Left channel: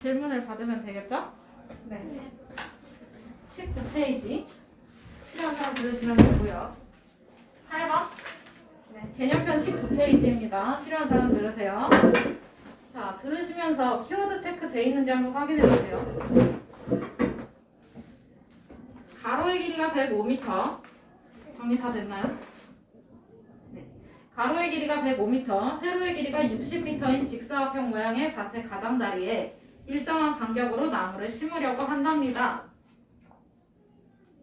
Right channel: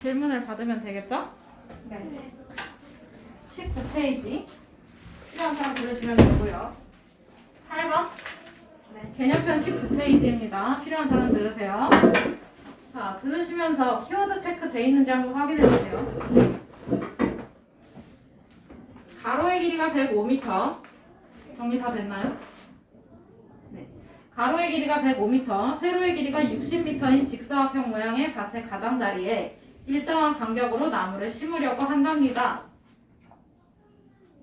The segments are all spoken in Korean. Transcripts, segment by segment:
질문을 받으면 되겠죠? 네. 19페이지 필요한 사람 들으시면 되고요. 8번 네. 개념편 19페이지입니다. 필요한 사람 들으세요. 자, 들으시면서 키워드 체크 돼 있는지 한번 확인해 보세요. 가로의 길이가 105m. 정리 다 됐나요? 네. 가로의 길이가 105m, 세로의 길이가 60m인 직사각형 모양의 밭의 가장자리에 일정한 간격으로 나무를 심으려고 한답니다.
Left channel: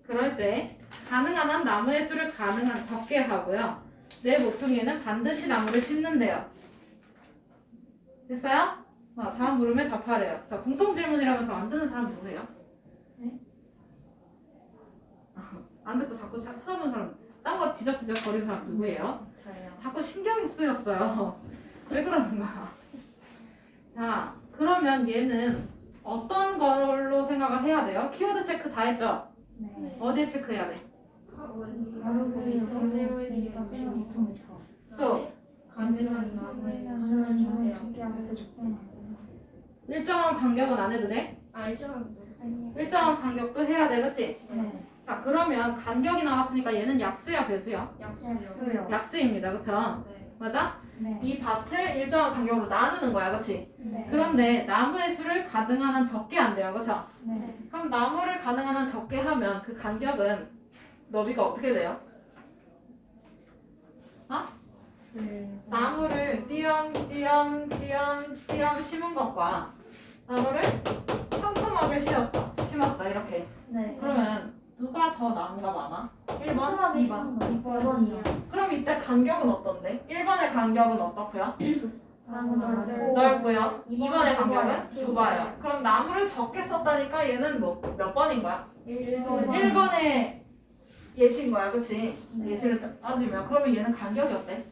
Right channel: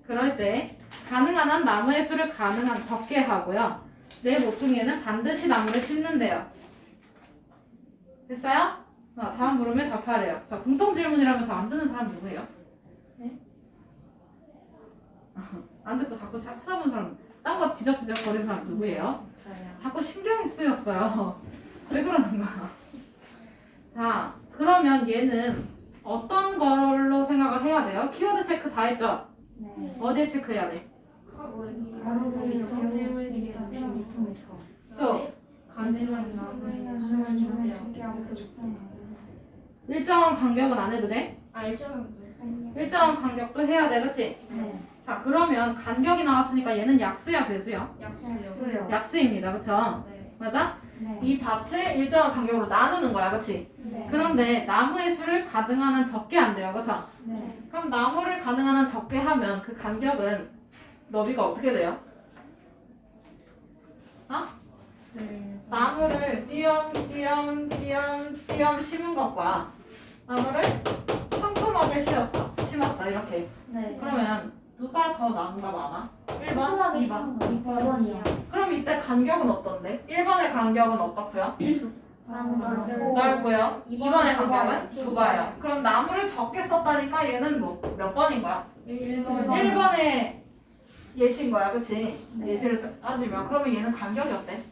그럴 때 가능한 한 나무의 수를 가능한 적게 하고요. 내 모퉁이에는 반드시 나무를 심는데요. 됐어요? 어, 다음 물음에 답하래요. 자, 공통 질문이라면서 안 듣는 사람 누구예요? 네? 안 듣고 자꾸 차- 찾아보는 사람, 딴 거 지적지적 거리는 사람 누구예요? 저요. 자꾸 신경이 쓰였어요. 왜 그러는 거야? 자, 그러면 얘는 어떤 걸로 생각을 해야 돼요? 키워드 체크 다 했죠? 네. 어디에 체크해야 돼? 16m. 또 일정한 간격은 안 해도 돼? 일정한 간격도 해야 돼, 그치? 네. 자, 그러면 간격이 나왔으니까 얘는 약수야, 배수야? 약수요. 약수입니다? 네. 맞아? 네. 이 밭을 일정한 간격으로 나누는 거야, 그치? 네. 그런데 나무의 수를 가능한 한 적게 안 돼요, 그쵸? 네. 그럼 나무를 가능한 한 적게 하면 그 간격은 너비가 어떻게 돼요? 네. 나무를 띄엄띄엄 띄엄띄엄 심은 것과 나무를 촘촘하게 씌웠어 심었어 이렇게 네. 그러면 누가 더 나무가 많아? 1번? 2번? 2번이요. 그럼 이때 간격은 어떤데? 1번의 간격은 어떻고요? 넓고 넓고요 2번의 간격은 좁아요. 그럼 나무를 적게 썼다니까 얘는 뭐 몇 번인 거야? 1번. 1번의 예시인 거야 그치? 네. 예시를 따지면 그러면 얘는 간격이 어때?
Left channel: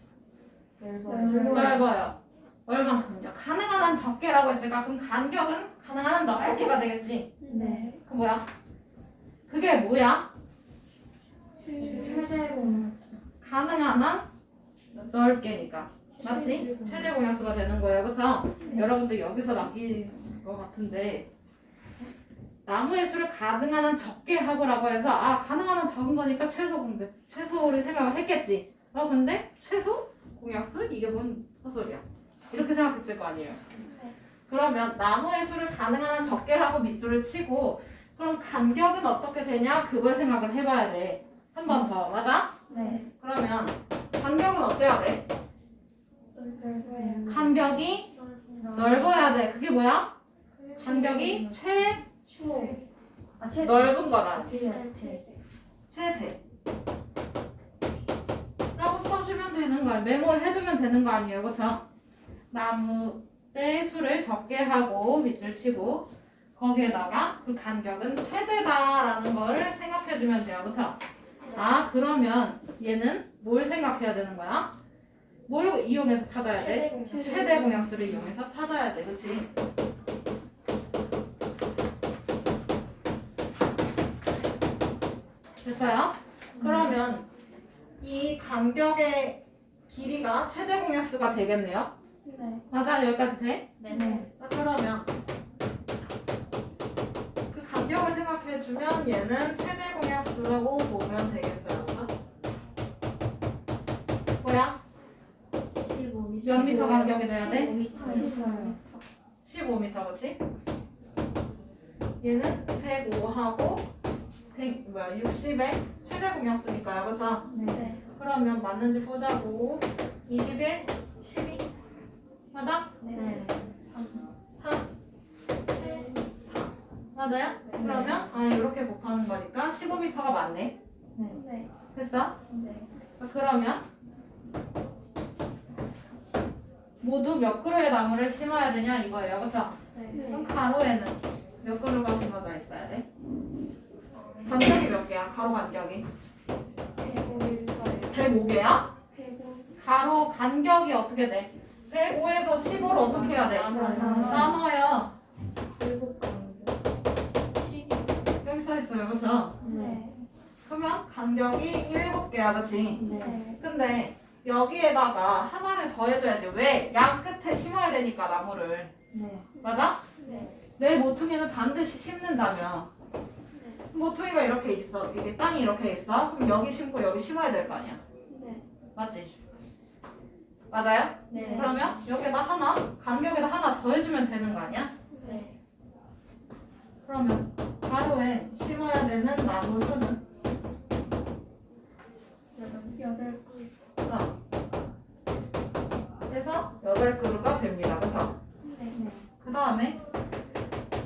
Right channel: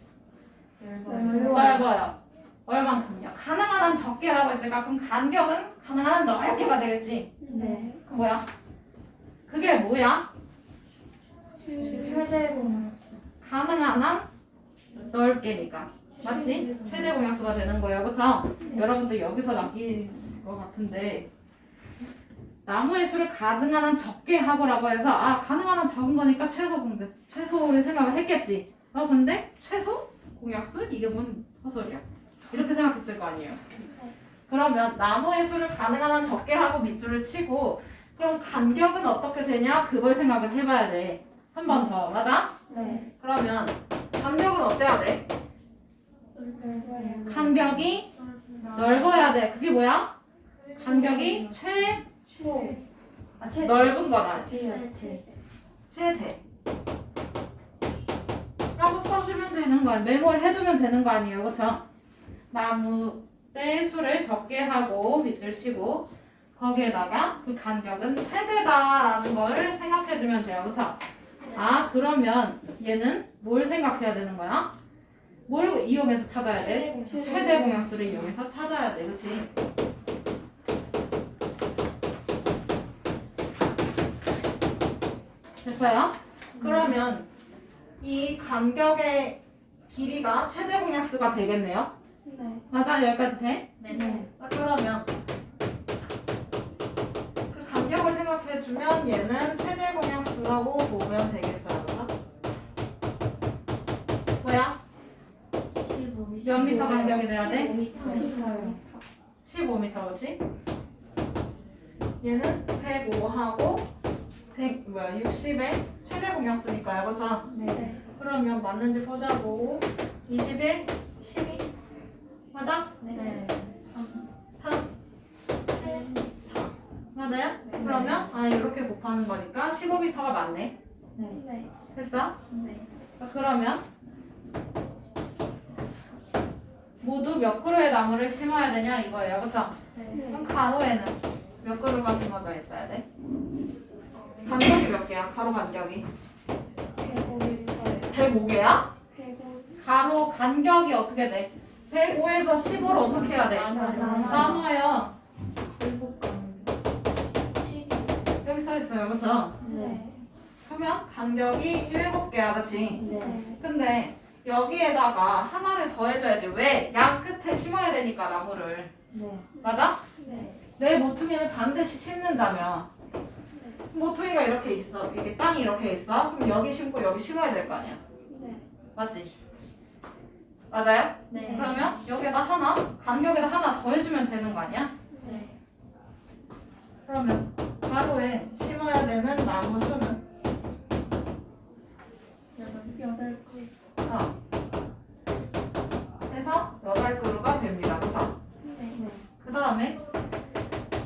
넓어요. 넓어요. 얼만큼요? 가능한 한 적게라고 했으니까 그럼 간격은 가능한 한 넓게가 되겠지. 네. 그 뭐야? 그게 뭐야? 최대 공수. 가능한 한 넓게니까. 맞지? 최대 공약수가 되는 거예요. 그쵸? 여러분들 여기서 남긴 것 같은데 나무의 수를 가능한 한 적게 하고라고 해서 아 가능한 한 적은 거니까 최소 공배 최소를 생각을 했겠지. 어 근데 최소 공약수 이게 뭔 헛소리야? 이렇게 생각했을 거 아니에요. 그러면 나무의 수를 가능한 한 적게 하고 밑줄을 치고 그럼 간격은 어떻게 되냐 그걸 생각을 해봐야 돼. 한 번 더 맞아? 네. 그러면 간격은 어때야 돼? 간격이 넓어야 돼. 그게 뭐야? 간격이 최 초. 아, 최. 넓은 거다. 최. 최. 최대. 라고 써주면 되는 거야. 메모를 해두면 되는 거 아니에요. 그쵸? 나무 의 수를 적게 하고 밑줄 치고 거기에다가 그 간격은 최대다라는 걸 생각해주면 돼요. 그쵸? 아 그러면 얘는 뭘 생각해야 되는 거야? 뭘 이용해서 찾아야 돼? 최대 공약수를 이용해서 찾아야 돼. 그치? 됐어요? 그러면 이 간격의 길이가 최대 공약수가 되겠네요. 네. 맞아? 여기까지 돼? 네. 아, 그러면 그 간격을 생각해 주면 얘는 최대 공약수라고 보면 되겠어요. 그죠? 뭐야? 15m. 몇 미터 간격이 돼야 돼? 15m. 15m 그치? 얘는 105하고 100 뭐야 60의 최대 공약수니까요 그죠? 네. 그러면 맞는지 보자고 21, 12 맞아? 네. 3, 7, 4 맞아요? 그러면 아 이렇게 곱하는 거니까 15m가 맞네 네. 됐어? 네. 그러면 모두 몇 그루의 나무를 심어야 되냐 이거예요 그쵸? 네. 그럼 가로에는 몇 그루가 심어져 있어야 돼? 간격이 몇 개야? 가로 간격이 105개야? 가로 간격이 어떻게 돼? 105에서 15를 어떻게 해야 돼? 나눠요 있어요 그쵸? 네. 그러면 간격이 7개야 그치? 네. 근데 여기에다가 하나를 더해줘야지 왜? 양 끝에 심어야 되니까 나무를 네. 맞아? 네. 내 모퉁이는 반드시 심는다면 모퉁이가 이렇게 있어. 이게 땅이 이렇게 있어. 그럼 여기 심고 여기 심어야 될 거 아니야. 네. 맞지? 맞아요? 네. 그러면 여기다 하나, 간격에다 하나 더 해주면 되는 거 아니야? 네. 그러면 가로에 심어야 되는 나무 수는 여덟 개. 어. 해서 여덟 그루가 됩니다. 그렇죠? 네. 그 다음에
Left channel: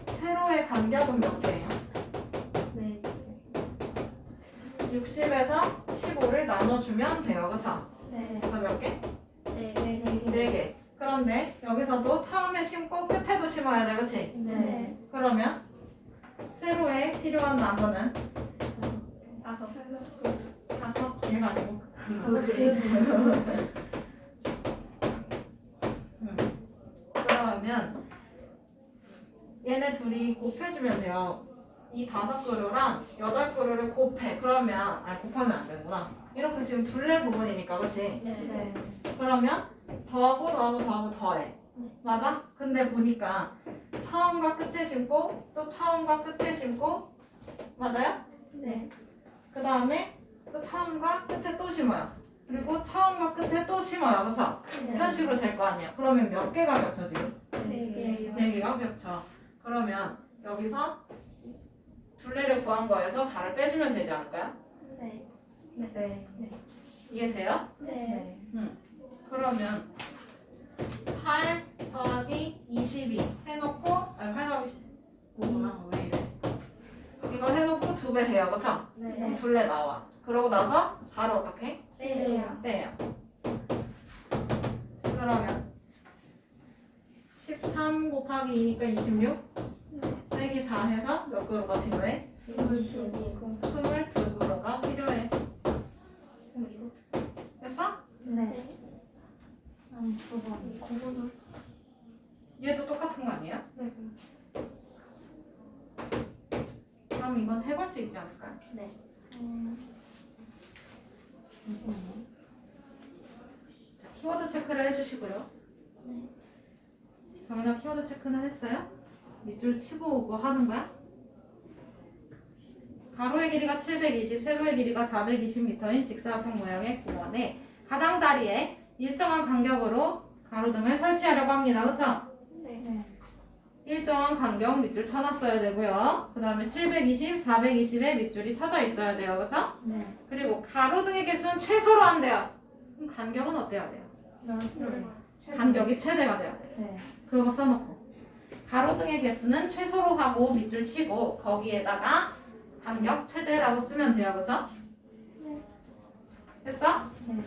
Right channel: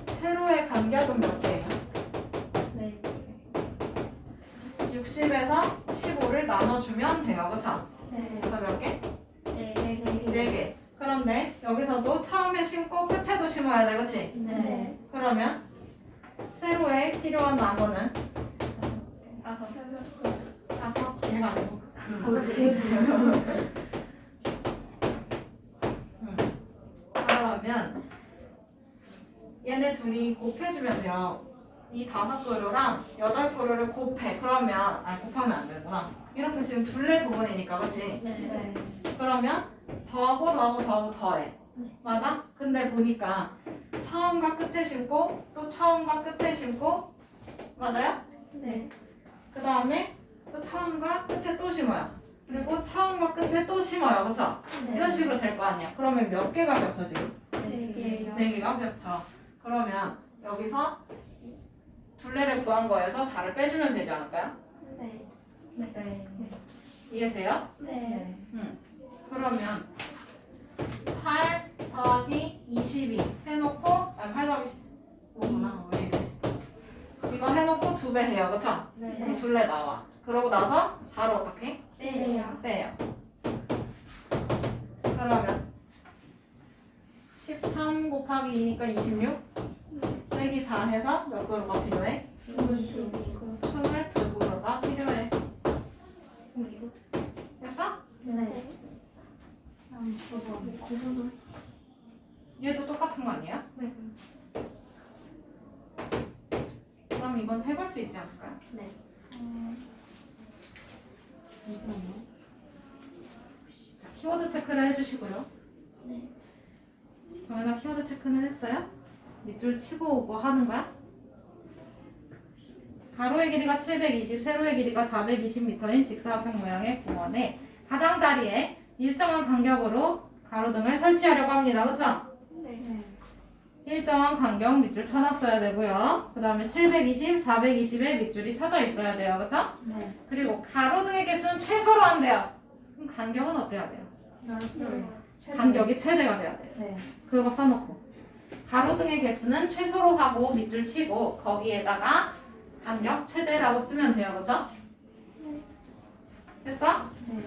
세로의 간격은 몇 개예요? 네. 60에서 15를 나눠주면 돼요. 그렇죠? 네. 그래서 몇 개? 네. 네 개. 그런데 여기서도 처음에 심고 끝에도 심어야 돼. 그렇지? 네. 그러면 세로에 필요한 나무는 다섯, 다섯 개가 아니고 음. 그러면 얘네 둘이 곱해주면 돼요. 이 다섯 그루랑 여덟 그루를 곱해. 그러면 아니 곱하면 안 되구나. 이렇게 지금 둘레 부분이니까, 그렇지? 네. 그러면 더하고 더하고 더하고 더해. 맞아? 근데 보니까 처음과 끝에 심고 또 처음과 끝에 심고 맞아요? 네. 그 다음에 또 처음과 끝에 또 심어요. 그리고 처음과 끝에 또 심어요. 그렇죠? 이런 식으로 될 거 아니야. 그러면 몇 개가 겹쳐 지금? 네 개요. 네 개가 겹쳐. 그러면 여기서 둘레를 구한 거에서 4를 빼주면 되지 않을까요? 네. 네. 이해돼요? 네. 그러면 8 더하기 22 해놓고 아니 8 더하기 5구나 왜 이래 이거 해놓고 두 배 해요 그쵸? 네. 둘레 나와 그러고 나서 4를 어떻게? 빼요. 빼요 그러면 13 곱하기 2니까 26 빼기 4 해서 몇 그루가 필요해? 이십이고. 22그루가 필요해 됐어? 네. 다음 구번. 얘도 똑같은 거 아니에요? 네. 그럼 이건 해볼 수 있지 않을까요? 네. 자, 키워드 체크를 해주시고요. 네. 정현아 키워드 체크는 했어요? 밑줄 치고 오고 하는 거야? 가로의 길이가 720, 세로의 길이가 420m인 직사각형 모양의 공원에 가장자리에 일정한 간격으로 가로등을 설치하려고 합니다. 네. 일정한 간격 밑줄 쳐놨어야 되고요. 그 다음에 720, 420의 밑줄이 쳐져 있어야 돼요. 그쵸? 네. 그리고 가로등의 개수는 최소로 한대요. 그럼 간격은 어때야 돼요? 간격이 최대가 돼야 돼요. 네. 그거 써놓고 가로등의 개수는 최소로 하고 밑줄 치고 거기에다가 간격 최대라고 쓰면 돼요 그죠? 됐어? 네.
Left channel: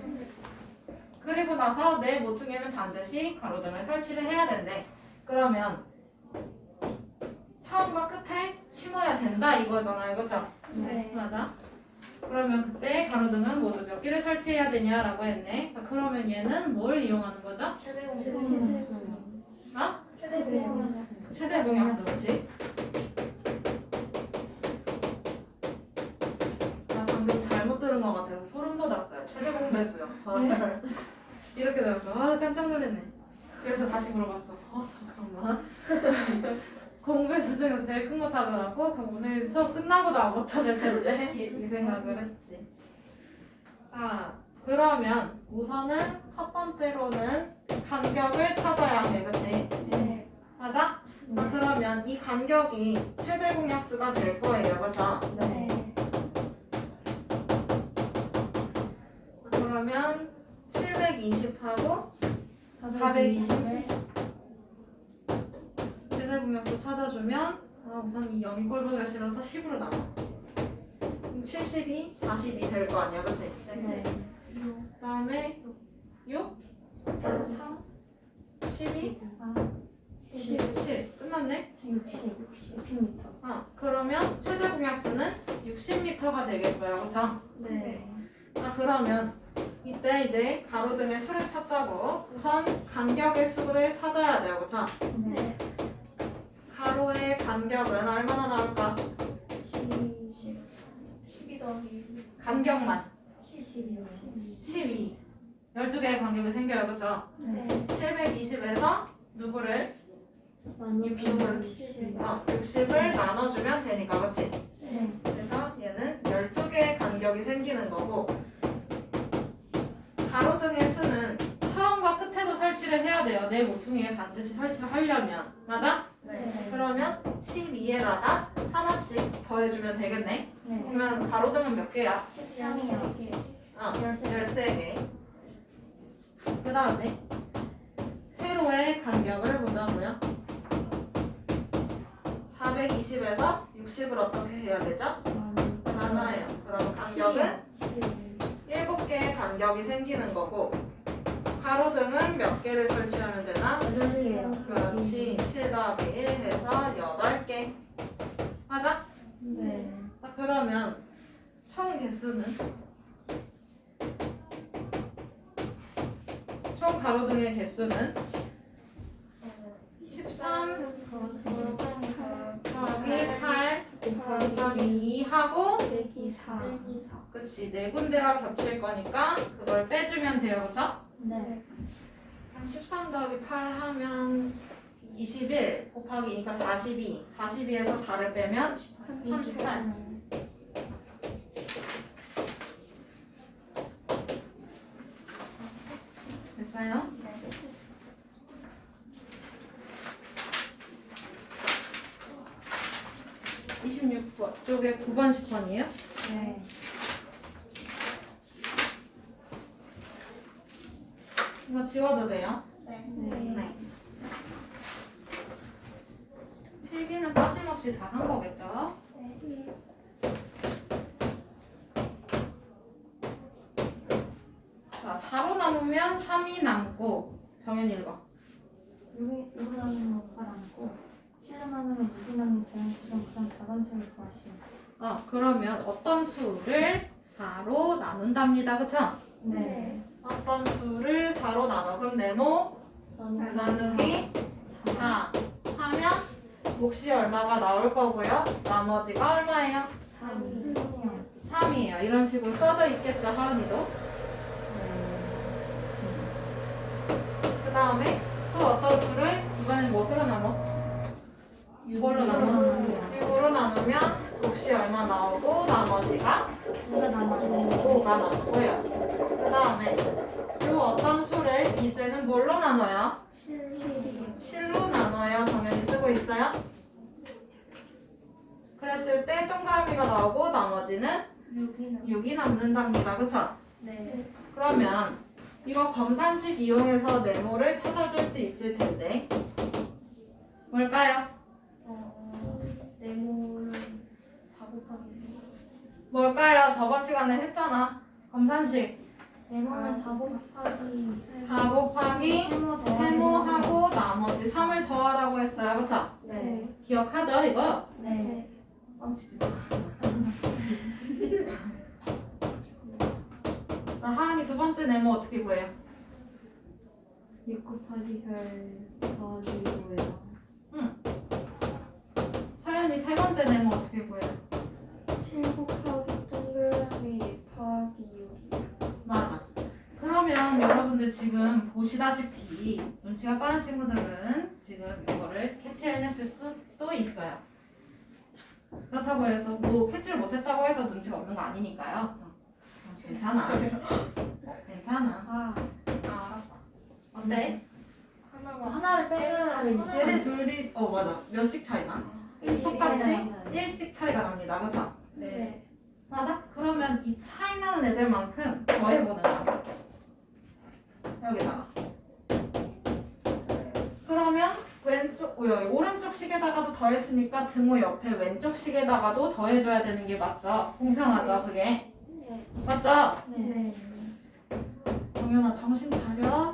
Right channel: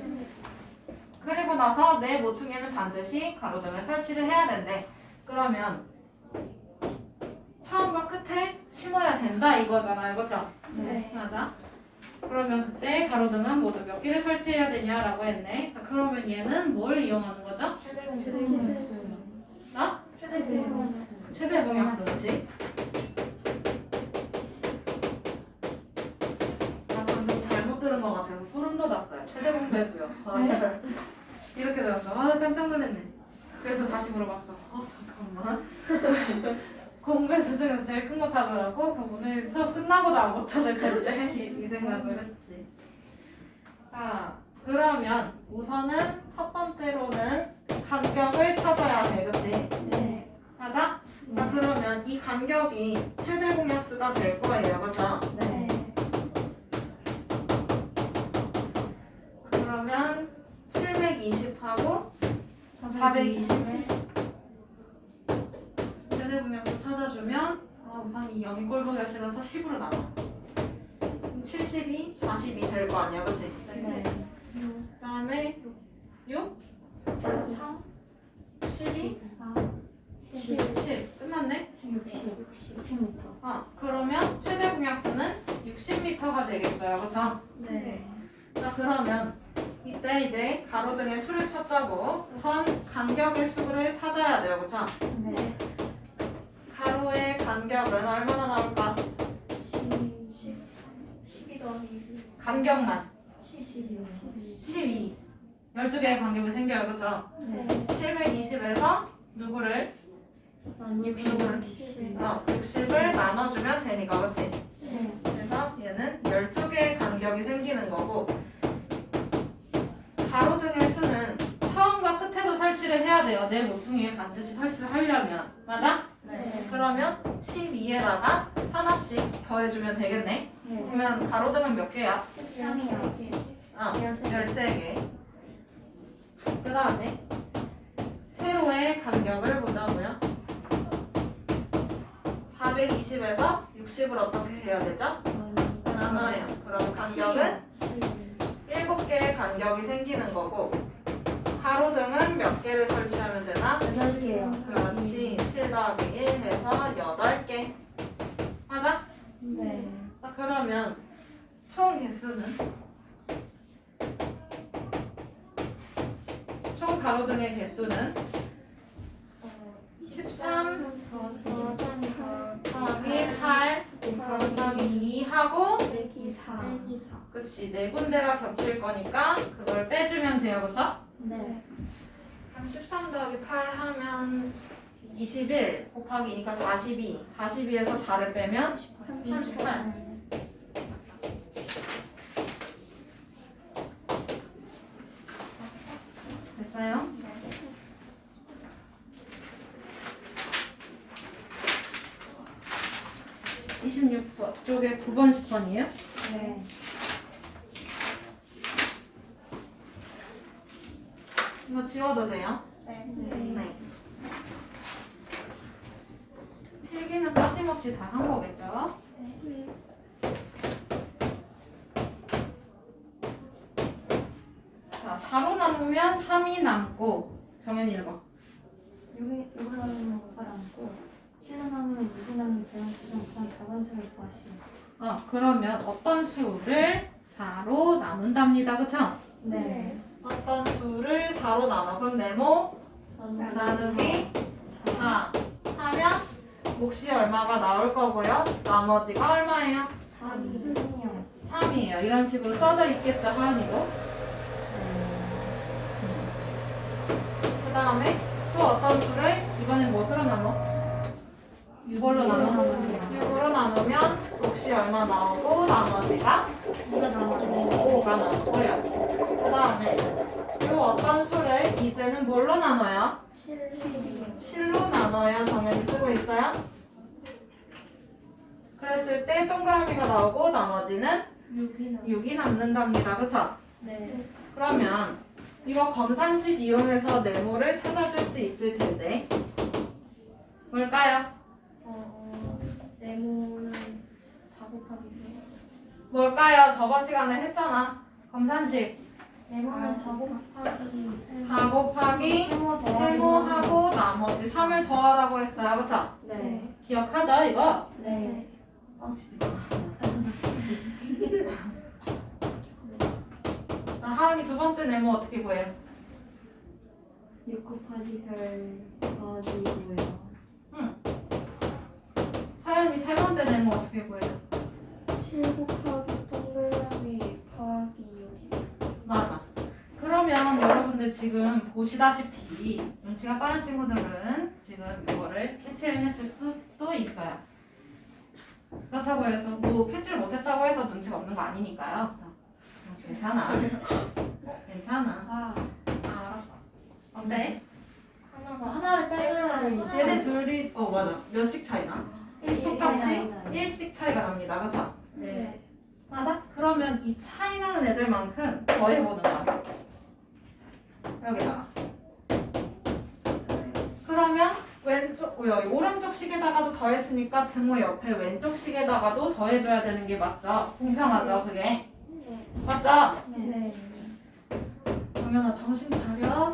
그리고 나서 내 모퉁이에는 반드시 가로등을 설치를 해야 된대 그러면 처음과 끝에 심어야 된다 이거잖아요 그죠? 네. 맞아 그러면 그때 가로등은 모두 몇 개를 설치해야 되냐라고 했네 자 그러면 얘는 뭘 이용하는 거죠? 최대 어? 최대 공약수. 최대 공약수 그치? 아 방금 잘못 들은 것 같아서 소름 돋았어요 최대 공배수요 아, 이렇게 들었어 아 깜짝 놀랐네 그래서 다시 물어봤어 어 잠깐만 공배수 중에서 제일 큰 거 찾으라고? 그럼 오늘 수업 끝나고 나못 찾을 텐데 이, 이 생각을 했지 자 그러면 우선은 첫 번째로는 간격을 찾아야 돼 그치? 네. 맞아? 자 그러면 이 간격이 최대 공약수가 될 거예요 그죠? 네. 그러면 720하고 420을 공약수 찾아주면 아, 우선 이 0이 꼴보기가 싫어서 10으로 나와 72, 40이 될거 아니야 그치? 네. 그 다음에 6, 3, 12, 7, 7 끝났네? 60. 60m. 아 그러면 최대 공약수는 60m가 되겠어요 그쵸? 네. 자 그러면 이때 이제 가로등의 수를 찾자고 우선 간격의 수를 찾아야 돼요 그쵸? 네. 간격은 얼마나 나올까? 12 더하기 간격만 12. 12 12개의 간격이 생겨요 그쵸? 네. 720에서 누구를? 아니 60을 어, 60을 나눠주면 되니까 그렇지? 네. 그래서 얘는 12개의 간격이 생기는 거고 가로등의 수는 처음과 끝에도 설치를 해야 돼요. 내 모퉁이에 반드시 설치를 하려면 맞아? 네. 그러면 12에다가 하나씩 더해주면 되겠네. 네. 그러면 가로등은 몇 개야? 13이요. 어, 13개. 13개. 그 다음에 세로의 간격을 보자고요. 420에서 60을 어떻게 해야 되죠? 나눠요. 그럼 간격은 7개의 간격이 생기는 거고 가로등은 몇 개를 설치하면 되나? 8개요. 그렇지. 7 더하기 1 해서 8개. 맞아? 네. 자, 그러면 총 개수는? 총 가로등의 개수는 13 더하기 8 곱하기 2하고 빼기 4. 그치 네 군데가 겹칠 거니까 그걸 빼주면 돼요 그쵸? 네. 그럼 13 더하기 8 하면 21 곱하기 2가 42 42에서 4를 빼면 38 됐어요? 네. 26번 쪽에 9번 10번이에요? 네. 이거 지워도 돼요? 네. 필기는 빠짐없이 다 한 거겠죠? 자, 4로 나누면 3이 남고 정현이 읽어. 여기 여기 나누면 8 안고 7 나누면 6이 남는 제곱 구성 그다음 자반식을 구하시오. 어, 그러면 어떤 수를 4로 나눈답니다. 그쵸? 네. 어떤 수를 4로 나눠. 그럼 네모 나누기 4 하면 몫이 얼마가 나올 거고요. 나머지가 얼마예요? 3이요. 3이에요. 이런 식으로 써져 있겠죠, 하은이도. 그 다음에 또 어떤 수를 이번엔 무엇으로 나눠? 6월로 나눠? 6으로 나누면 몫이 얼마 나오고 나머지가 누가 남았네. 5가 나오고요. 그 다음에 이 어떤 수를 이제는 뭘로 나눠요? 7이요. 7로 나눠요. 정연이 쓰고 있어요? 그랬을 때 동그라미가 나오고 나머지는 6이 6이 남는답니다. 그쵸? 네. 그러면 이거 검산식 이용해서 네모를 찾아줄 수 있을 텐데 뭘까요? 어, 네모는 4 곱하기 3. 뭘까요? 저번 시간에 했잖아. 검산식 네모는 4 곱하기 3. 4 곱하기 세모 더하기 세모하고 나머지 3을 더하라고 했어요. 그쵸? 네. 기억하죠? 이거? 네. 뻥치지 마. 자, 하은이 두 번째 네모 어떻게 구해요? 6 곱하기 별 더하기 2고요. 서연이 세 번째 네모 어떻게 구해요? 7 곱하기 동그라미 더하기 6이요. 맞아. 그러면 여러분들 지금 보시다시피 눈치가 빠른 친구들은 지금 이거를 캐치해냈을 수도 있어요. 그렇다고 해서 뭐 캐치를 못했다고 해서 눈치가 없는 거 아니니까요. 괜찮아. 괜찮아. 아, 아, 어때? 하나가 하나를 빼면 얘네 둘이 어 맞아 몇씩 차이나? 똑같이. 1씩 차이가 납니다. 그죠? 네. 맞아? 그러면 이 차이 나는 애들만큼 더해보는 거야. 여기다가. 그러면 왼쪽, 어, 오른쪽 식에다가도 더했으니까 등호 옆에 왼쪽 식에다가도 더해줘야 되는 게 맞죠? 공평하죠, 그게? 맞죠? 네. 정연아 정신 차려.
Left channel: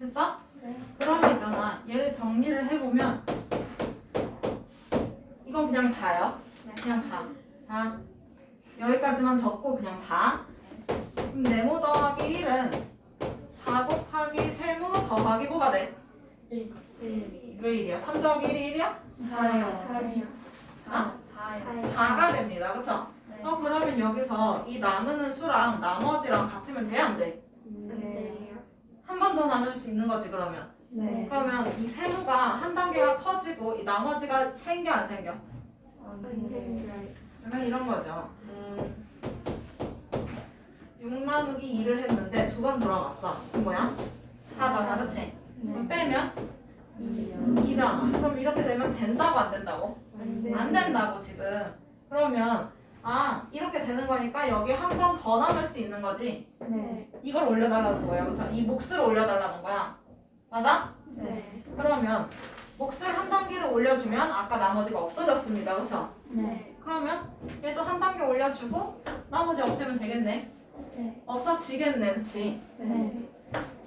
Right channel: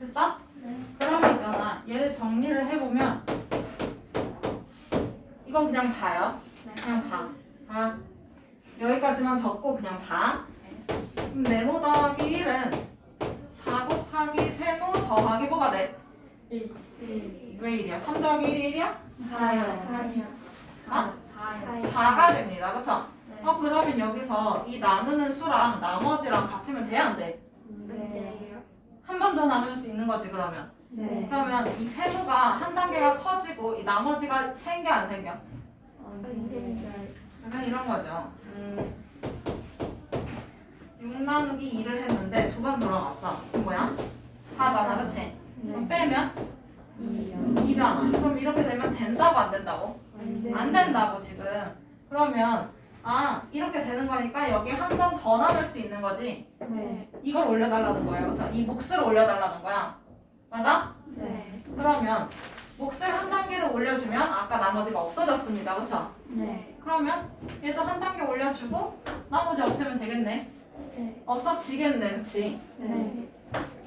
됐어? 네. 그러면 있잖아. 얘를 정리를 해보면 이건 그냥 봐요. 그냥 봐. 봐. 여기까지만 적고 그냥 봐. 그럼 네모 더하기 1은 4 곱하기 세모 더하기 뭐가 돼? 네. 왜 1이야? 3 더하기 1이 1이야? 4요. 3이요. 아? 4요. 4가 됩니다. 그쵸? 네. 어 그러면 여기서 이 나누는 수랑 나머지랑 같으면 돼? 안 돼? 네. 한 번 더 나눌 수 있는 거지 그러면 네. 그러면 이 세모가 한 단계가 커지고 이 나머지가 생겨 안 생겨? 약간 이런 거죠. 음, 6 나누기 2를 했는데 두번 들어갔어. 그럼 뭐야? 4잖아, 그치? 그럼 빼면 2잖아. 그럼 이렇게 되면 된다고 안 된다고? 안 된다고 지금. 그러면 아 이렇게 되는 거니까 여기 한 번 더 나눌 수 있는 거지. 네. 이걸 올려달라는 거야, 그렇죠? 이 몫을 올려달라는 거야. 맞아? 네. 그러면 몫을 한 단계를 올려주면 아까 나머지가 없어졌습니다, 그렇죠? 네. 그러면 얘도 한 단계 올려주고 나머지 없애면 되겠네. 네. 없어지겠네, 그치? 네.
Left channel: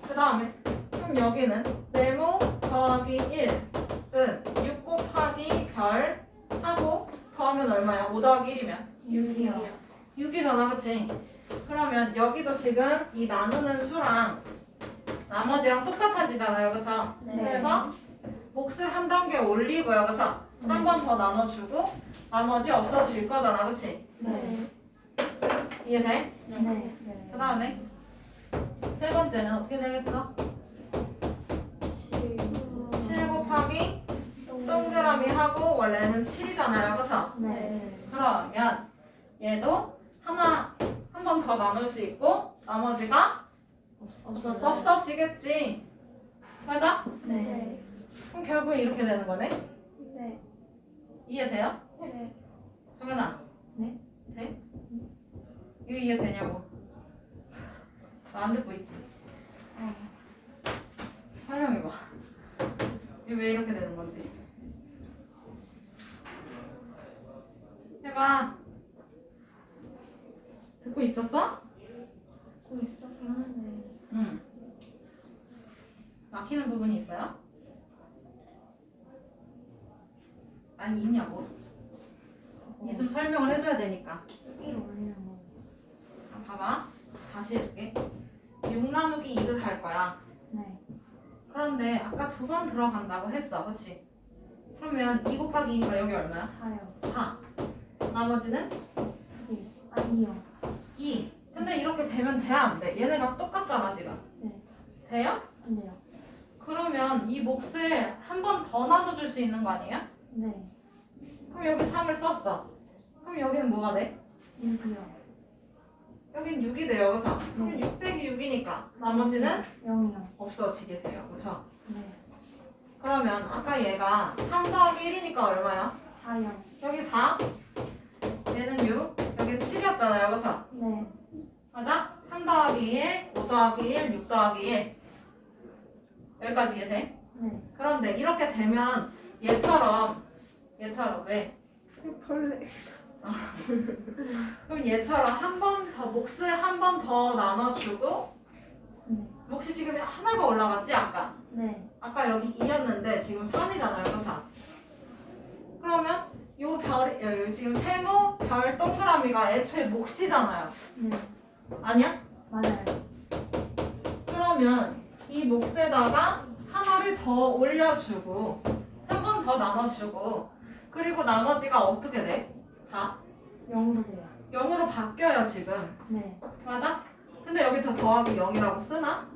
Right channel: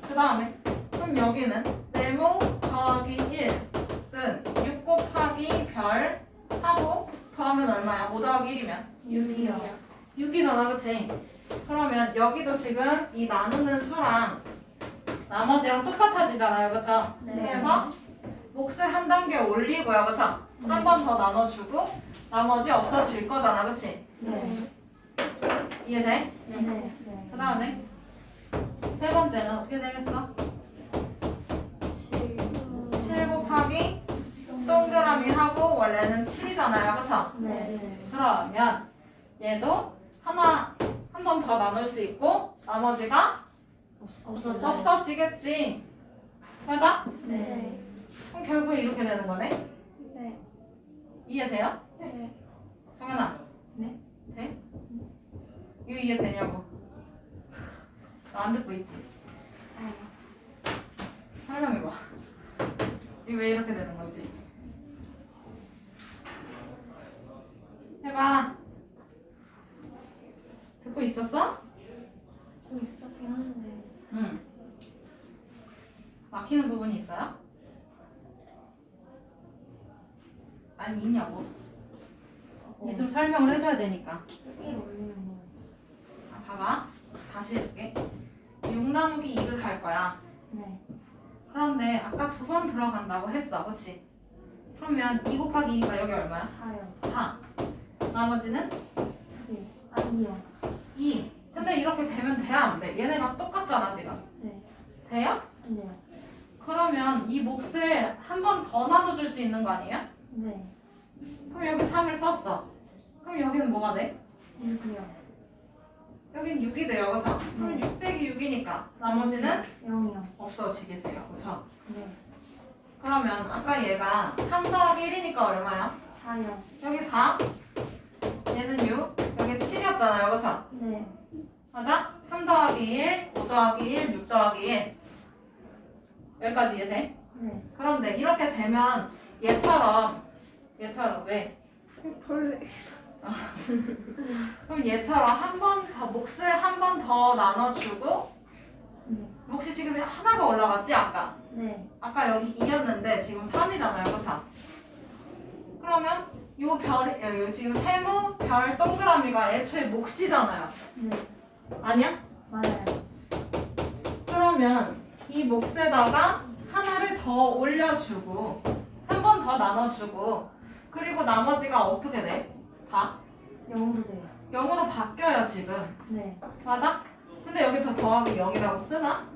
그 다음에 그럼 여기는 네모 더하기 1은 6 곱하기 별 하고 더하면 얼마야? 5 더하기 1이면 6이요. 6이잖아, 그치? 그러면 여기도 지금 이 나누는 수랑 나머지랑 똑같아지잖아요, 그쵸? 네. 그래서 몫을 한 단계 올리고요, 그쵸? 한 번 더 나눠주고 나머지 없어질 거잖아, 그치? 네. 이해돼? 네. 그 다음에 세 번째는 어떻게 되겠어? 7 곱하기 동그라미 하고 원래는 7이잖아요, 그쵸? 네. 그러면 얘도 하나 한 번 더 나눌 수 있고 나머지가 없어지겠지. 맞아? 네. 그럼 결국 이렇게 되는 거네. 네. 이해돼요? 네. 정연아. 네. 돼? 이거 이해 되냐고. 나 안 듣고 있지. 설명해봐. 이거 왜 이렇게 되는 건지. 해봐. 듣고 있었어? 꼭 있었긴 하는데. 응. 막히는 부분이 있어요? 아니 있냐고. 있으면 설명을 해줘야 되니까. 1 올리는 거. 아, 봐봐. 다시 해줄게. 6 나누기 2를 할 거야. 네. 그런데 아까 두 번 들어간다고 했어. 그치? 그러면 2 곱하기 2가 여기 얼마야? 4요. 4. 나머지는 2. 아, 2요. 2. 근데 이렇게 되면 돼? 안 돼? 얘네가 똑같잖아, 지금. 네. 돼요? 안 돼요. 그러면 이 몫을 한 번 더 나눠줄 수 있는 거 아니에요? 네. 그럼 여기 3을 썼어. 그럼 여기는 뭐가 돼? 6이요. 여긴 6이 돼요, 그쵸? 그럼 6 빼기 6이니까 나머지는 0이요. 없어지게 돼요, 그쵸? 네. 그러면 아까 얘가 3 더하기 1이니까 얼마야? 4요. 여기 4, 얘는 6, 여기 7이었잖아요, 그쵸? 네. 맞아? 3 더하기 1, 5 더하기 1, 6 더하기 1 여기까지 이해 돼? 네. 그런데 이렇게 되면 얘처럼 얘처럼 왜? 벌레. 그럼 얘처럼 한 번 더 몫을 한 번 더 나눠주고 네. 몫이 지금 하나가 올라갔지 아까? 네. 아까 여기 2였는데 지금 3이잖아요, 그쵸? 그러면 요 별이 요 지금 세모 별 동그라미가 애초에 몫이잖아요. 네. 아니야? 맞아요. 그러면 이 몫에다가 하나를 더 올려주고 한 번 더 나눠주고 그리고 나머지가 어떻게 돼? 다 0으로 돼요. 0으로 바뀌어요 지금 네. 맞아? 근데 여기 더 더하기 0이라고 쓰나?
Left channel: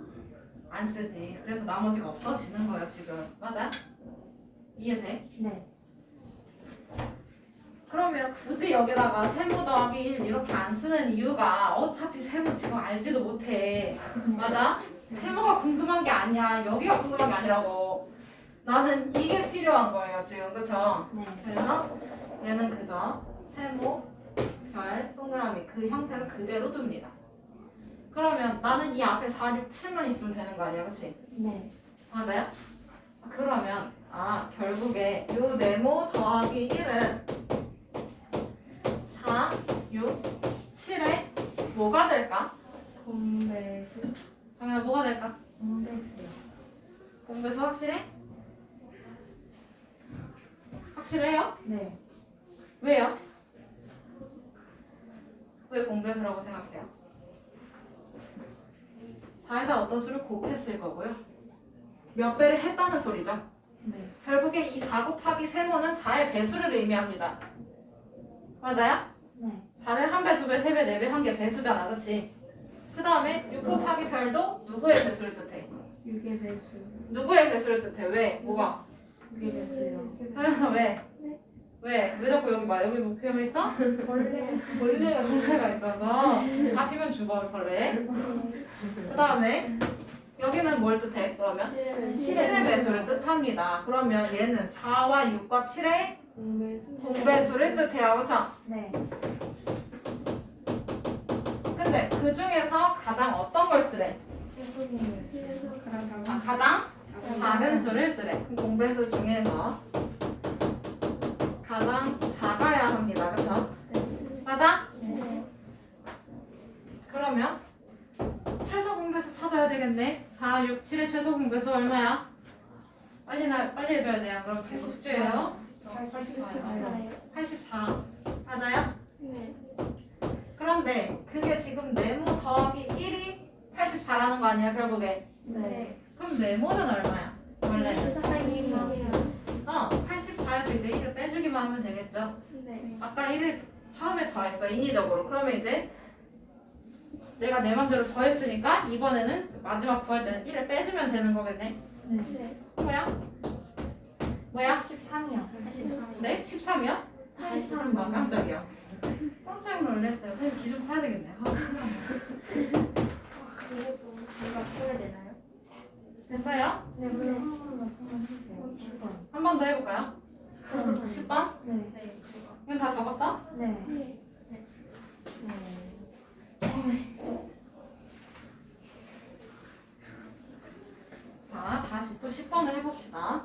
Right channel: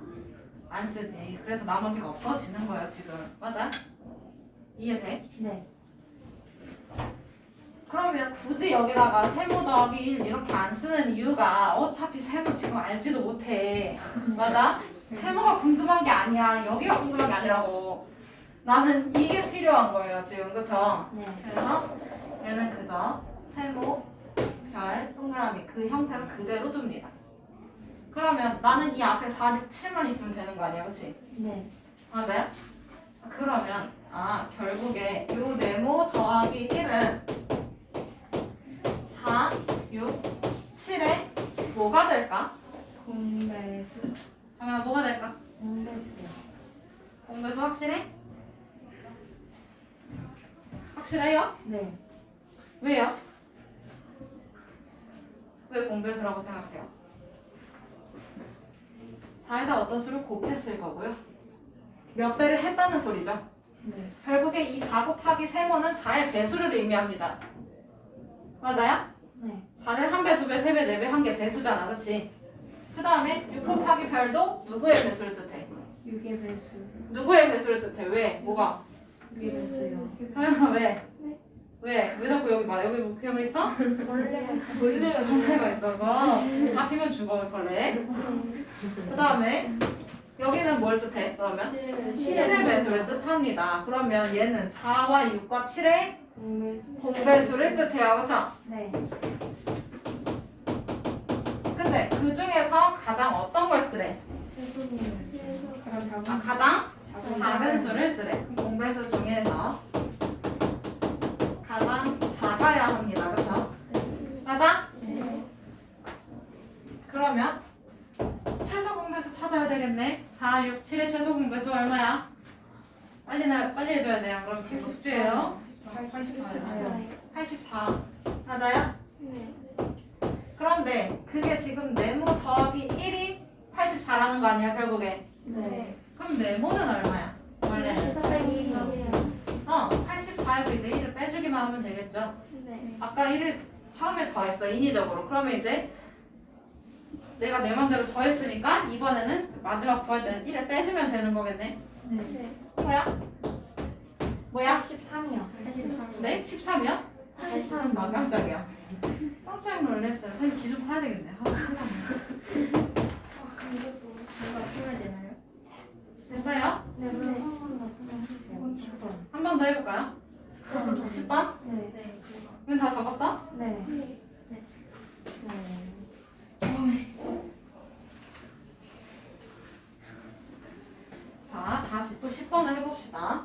안 쓰지 그래서 나머지가 없어지는 거예요 지금 맞아? 이해돼? 네. 그러면 굳이 여기다가 세모 더하기 1 이렇게 안 쓰는 이유가 어차피 세모 지금 알지도 못해 맞아? 세모가 궁금한 게 아니야 여기가 궁금한 게 아니라고 나는 이게 필요한 거예요 지금 그쵸? 네. 그래서 얘는 그저 세모 별 동그라미 그 형태로 그대로 둡니다 그러면 나는 이 앞에 4, 6, 7만 있으면 되는 거 아니야 그치? 네. 맞아요? 그러면 아 결국에 요 네모 더하기 1은 4, 6, 7에 뭐가 될까? 공배수. 정말 뭐가 될까? 공배수요. 공배수 확실해? 확실해요? 네. 왜요? 왜 공배수라고 생각해요? 4에다 어떤 수를 곱했을 거고요. 몇 배를 했다는 소리죠. 네. 결국에 이 4 곱하기 세모는 4의 배수를 의미합니다. 맞아요? 네. 4를 한 배, 두 배, 세 배, 네 배한게 배수잖아, 그치? 그 다음에 6 곱하기 별도 누구의 배수를 뜻해? 6의 배수. 누구의 배수를 뜻해? 왜? 뭐가? 6의 배수요. 서연아 왜? 왜? 왜 자꾸 여기 막 여기 뭐 괴물 있어? 원래 벌레가 벌레가 있어서 잡히면 죽어 벌레. 그 다음에 여기는 뭘 뜻해? 그러면 7의 배수를 뜻합니다. 그러면 얘는 4와 6과 7의 공배수를 뜻해요. 그렇죠? 네. 근데 그 중에서 가장 어떤 걸 쓰래? 아, 가장 작은 수를 쓰래. 그 공배수 중에서 가장 작아야 합니다. 그렇죠? 맞아? 네. 그러면 최소 공배수 찾아야 되겠네. 4, 6, 7의 최소 공배수 얼마야? 빨리 나 빨리 해줘야 돼요. 그럼 계속 숙제예요. 84요. 84. 맞아요? 그런데 그게 지금 네모 더하기 1이 84라는 거 아니야 결국에? 네. 그럼 네모는 얼마야? 원래 어 84에서 이제 1을 빼주기만 하면 되겠죠. 아까 1을 처음에 더했어 인위적으로. 그러면 이제 내가 내 맘대로 더했으니까 이번에는 마지막 구할 때는 1을 빼주면 되는 거겠네. 네. 뭐야? 뭐야? 13이요. 네? 13이요? 13막 깜짝이야. 깜짝 놀랐어요. 선생님 기준 파야 되겠네. 아, 큰일 났네. 됐어요? 네, 그럼 한번더 풀어 주세요. 10번. 한번 더 해볼까요? 10번? 네. 이건 다 적었어? 네. 자, 다시 또 10번을 해봅시다.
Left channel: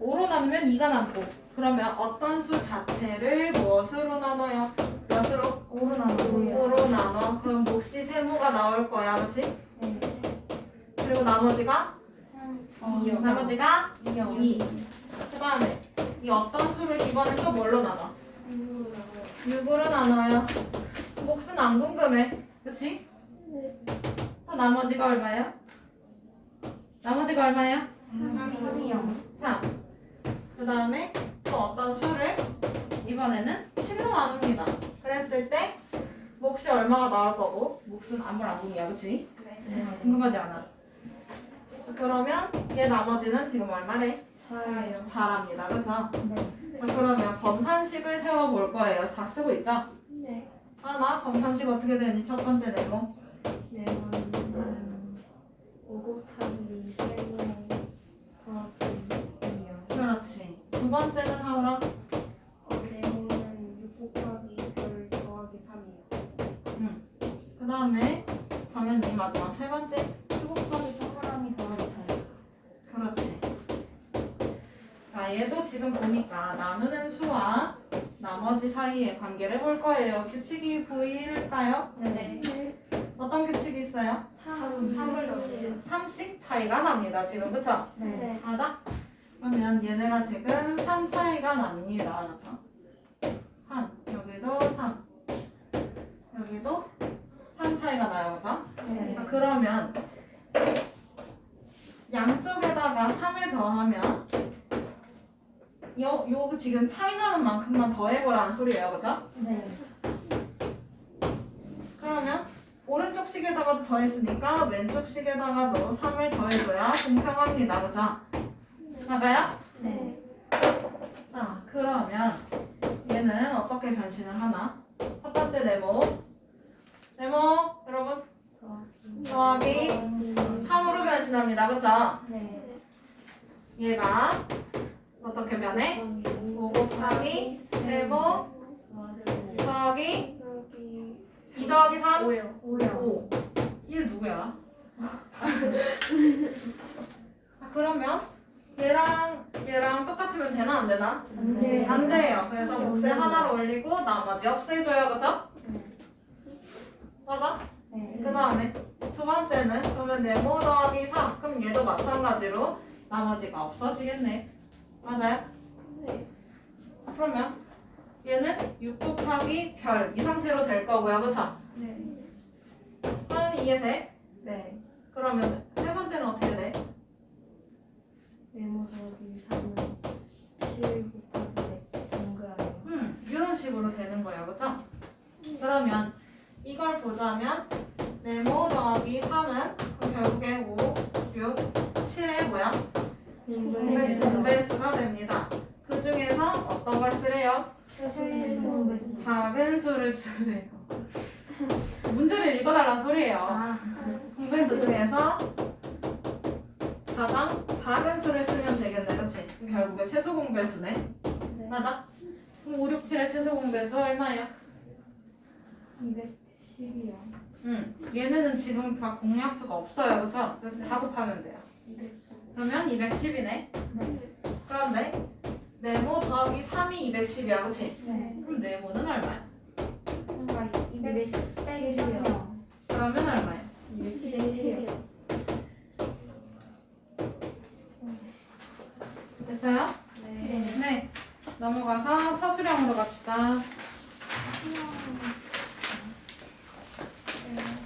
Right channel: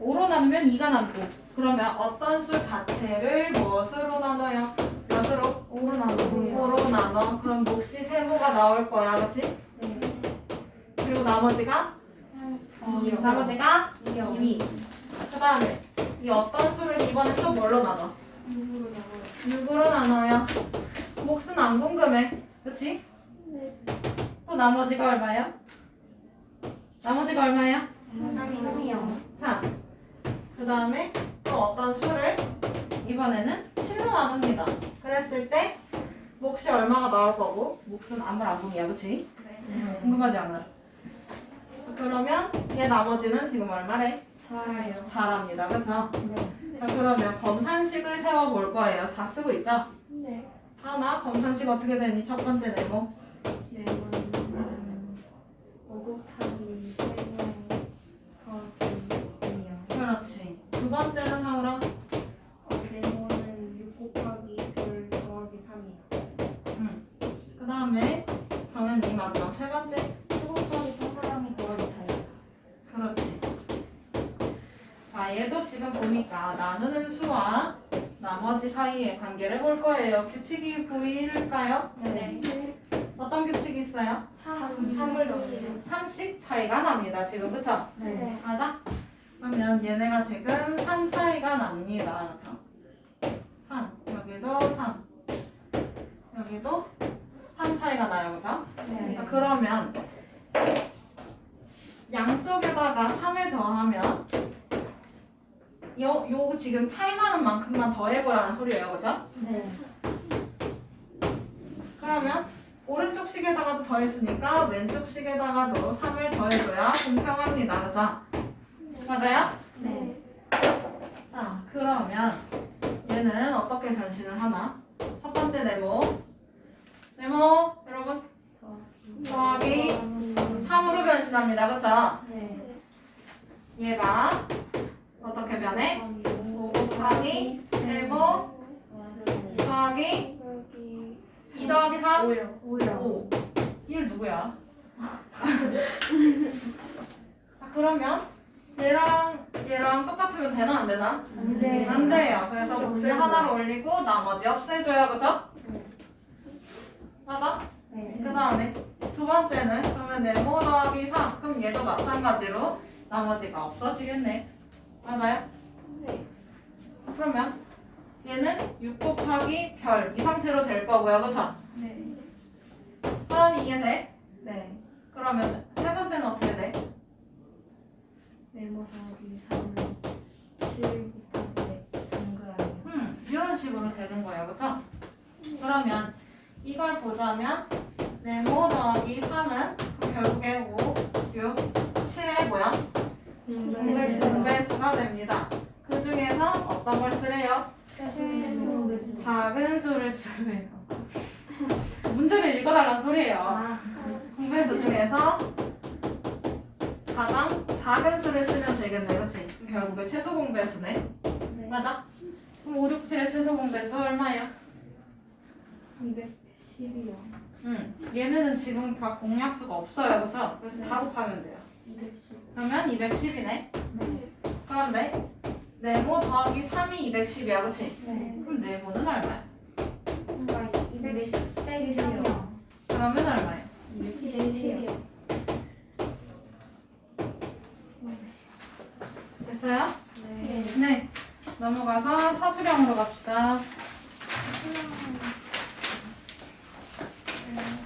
5로 나누면 2가 남고 그러면 어떤 수 자체를 무엇으로 나눠요? 몇으로? 5로 나누고요. 5로 나눠. 그럼 몫이 세모가 나올 거야, 그렇지? 네. 그리고 나머지가? 어, 나머지가 2요. 2. 그 다음에 이 어떤 수를 이번엔 또 뭘로 나눠? 6으로 나눠요. 몫은 안 궁금해. 그치? 또 나머지가 얼마예요? 나머지가 얼마예요? 3이요. 3. 그 다음에 또 어떤 수를 이번에는 7로 나눕니다. 그랬을 때 몫이 얼마가 나올 거고 몫은 아무 안 궁이야. 그치? 궁금하지 않아. 그러면 얘 나머지는 지금 얼마래? 4랍니다. 그쵸? 네. 자, 그러면 검산식을 세워볼 거예요. 4 쓰고 있죠? 하나 검산식 어떻게 되니? 첫 번째 네모. 그렇지. 두 번째는 하울아. 그 다음에 저는 이 마지막 세 번째. 수곡선이 동그라미 더하기 4요. 그렇지. 자, 얘도 지금 보니까 나누는 수와 나머지 사이의 관계를 볼 거예요. 규칙이 보일까요? 네. 어떤 규칙이 있어요? 3. 3을 넣으세요. 3씩 차이가 납니다. 지금 그쵸? 네. 맞아? 그러면 얘네가 지금 3 차이가 납니다. 그쵸? 3. 여기도 3. 여기도 3 차이가 나요. 그쵸? 네. 자, 그러면 양쪽에다가 3을 더하면 요, 요 지금 차이 나는 만큼만 더해보라는 소리예요. 그쵸? 네. 그러면 오른쪽 식에다가도 더했으니까 왼쪽 식에다가도 3을 더해줘야 공평합니다. 그쵸? 맞아요? 네. 자, 그러면 얘는 어떻게 변신을 하나? 첫 번째 네모. 네모, 여러분. 더하기 3으로 변신합니다. 그쵸? 네. 얘가 어떻게 변해? 5 곱하기 세모 더하기 2 더하기 3? 5요. 5. 1 누구야? 자, 그러면 얘랑 얘랑 똑같으면 되나 안 되나? 안 돼요. 안 돼요. 그래서 몫을 하나로 올리고 나머지 없애줘요. 그죠? 맞아? 네. 그 다음에 두 번째는 그러면 네모 더하기 3 그럼 얘도 마찬가지로 나머지가 없어지겠네 맞아요? 아, 그러면 얘는 6 곱하기 별 이 상태로 될 거고요 그쵸? 사연이 이해돼? 네. 그러면 세 번째는 어떻게 돼? 네모 더하기 3은 7 곱하기 100 동그라미. 음 이런 식으로 되는 거예요 그쵸? 그러면 이걸 보자면 네모 더하기 3은 그 결국에 5, 6, 7의 뭐야? 공배수. 분배수가 됩니다. 그 중에서 어떤 걸 쓰래요? 작은 수를 쓰래요. 문제를 읽어달라는 소리예요. 아 공배수 중에서 가장 작은 수를 쓰면 되겠네, 그치? 결국에 최소 공배수네. 맞아? 그럼 5, 6, 7의 최소 공배수 얼마야? 210이요. 응. 얘네는 지금 다 공약수가 없어요, 그쵸? 그래서 다 곱하면 돼요. 그러면 210이네. 네. 그런데 네모 더하기 3이 210이야, 그치? 네. 그럼 네모는 얼마야? 210이요. 그러면 얼마야? 210이요. 됐어요? 네. 네. 넘어가서 서술형으로 갑시다. 네.